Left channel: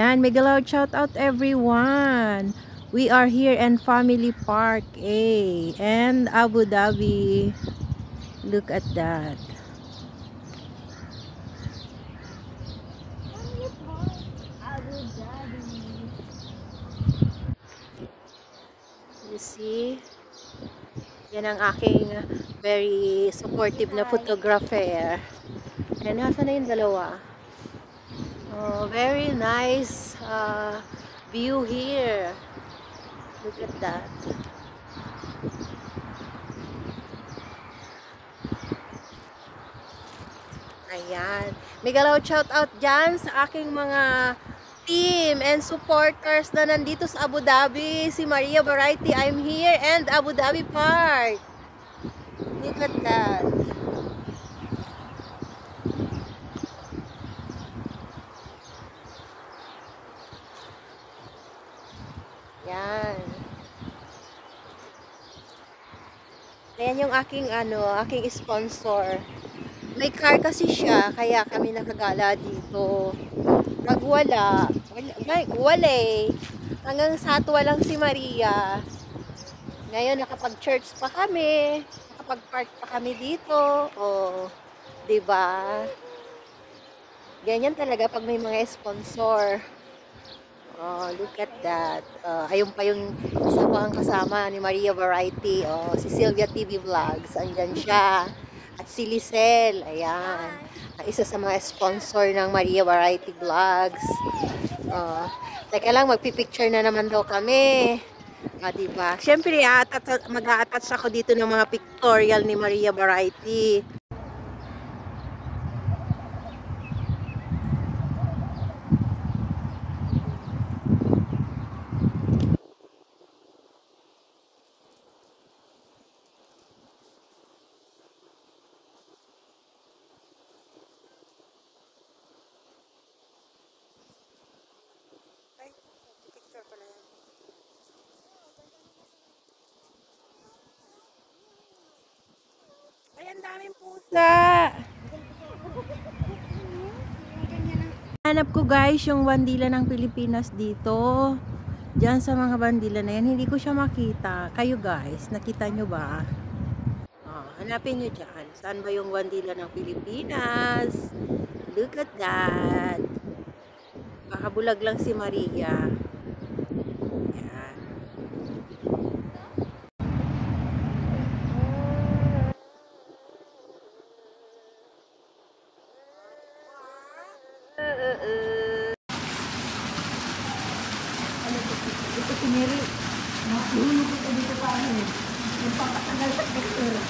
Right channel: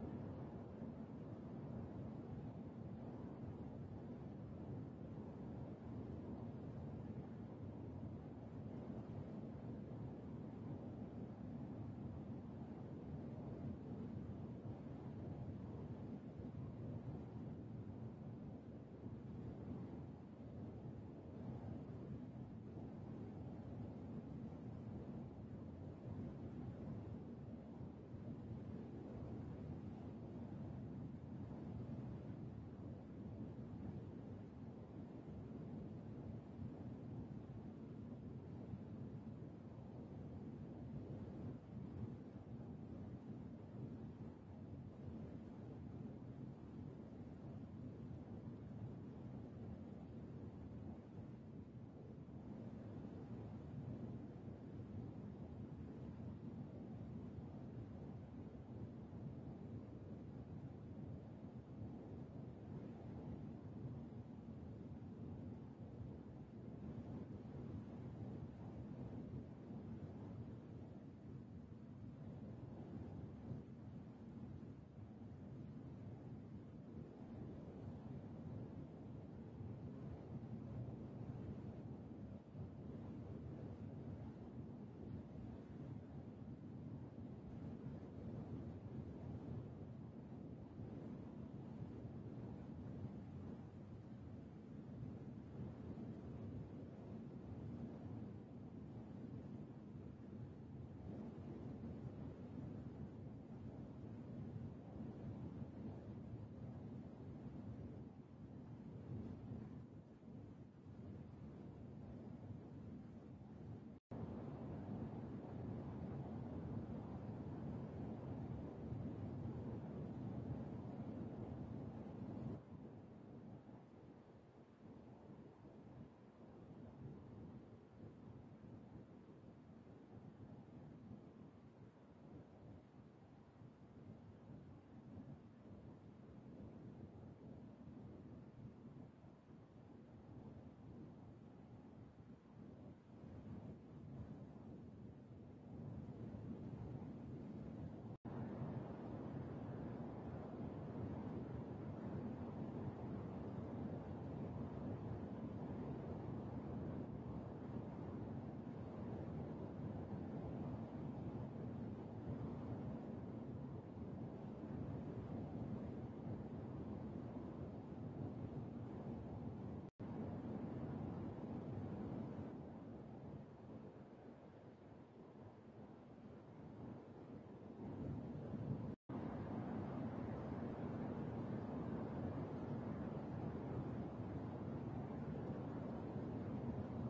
Yan, mega loud shout out everyone. We are here in Family Park A and Abu Dhabi. Look at that. Abu Dhabi. You see? Yan ang aking very supportive na photographer. And nasa na yung dalawa? Oh, very nice view here. Look at that. Ayan. Mega loud shout out dyan sa aking mga team and supporters na nandito sa Abu Dhabi. Si Maria Variety, I'm here, and Abu Dhabi Park. Look at that. Yan. Ayan yung aking aking sponsor. May car kasi siya, kaya kami nakagala dito. Pag wala eh. Hanggang Satwa lang si Maria. Ngayon nakapag-church pa kami, nakapag-park pa kami dito. Oh, 'di ba? Ganyan talaga pag may mga sponsor. Oh, look at that. Ayun pa yung isa pang kasama ni Maria Variety. Oh, si Sylvia TV Vlogs. Andyan siya. At si Lisel. Ayan. Ang isa sa mga sponsor ng Maria Variety Vlogs. Teka lang, magpipicture na naman daw kami. Diba? Siyempre, mag-a-attach ako dito ng mga pictorial ni Maria Variety. Ay, ang daming pusa! Hanap ko guys yung bandila ng Pilipinas dito. Diyan sa mga bandila na yan, hindi ko siya makita. Kayo guys, nakita nyo ba? Hanapin nyo dyan. Saan ba yung bandila ng Pilipinas? Look at that. Baka bulag lang si Maria. Yan. Ito piniri. Mahulog ko dito pa ano eh. Yung papatagal sa picture.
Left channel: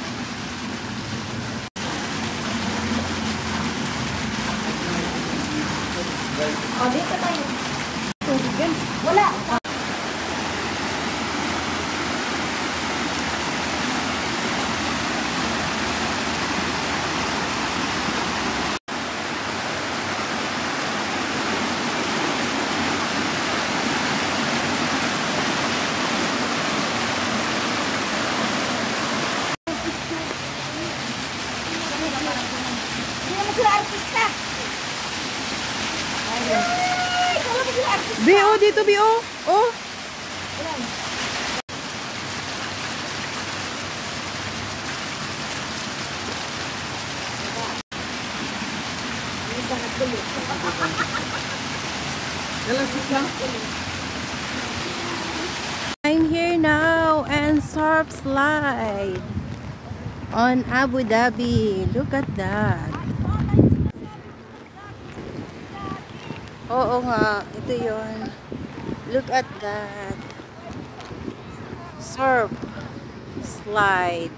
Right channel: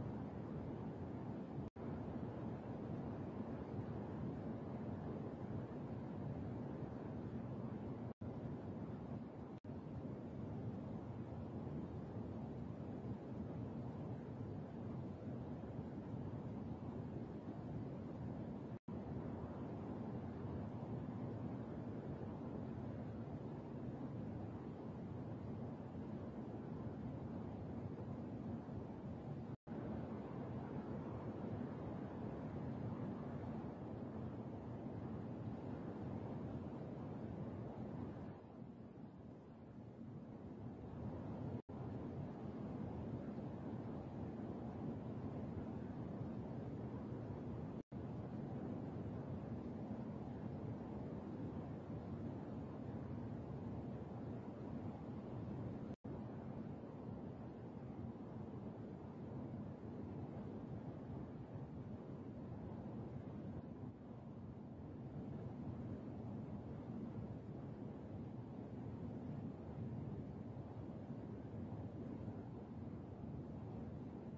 O, dito tayo. Wala. BO dito BO. Oh. I'm here now and surf slide on Abu Dhabi. Look at that. Oo nga, ito yon. Look at that. Surf slide.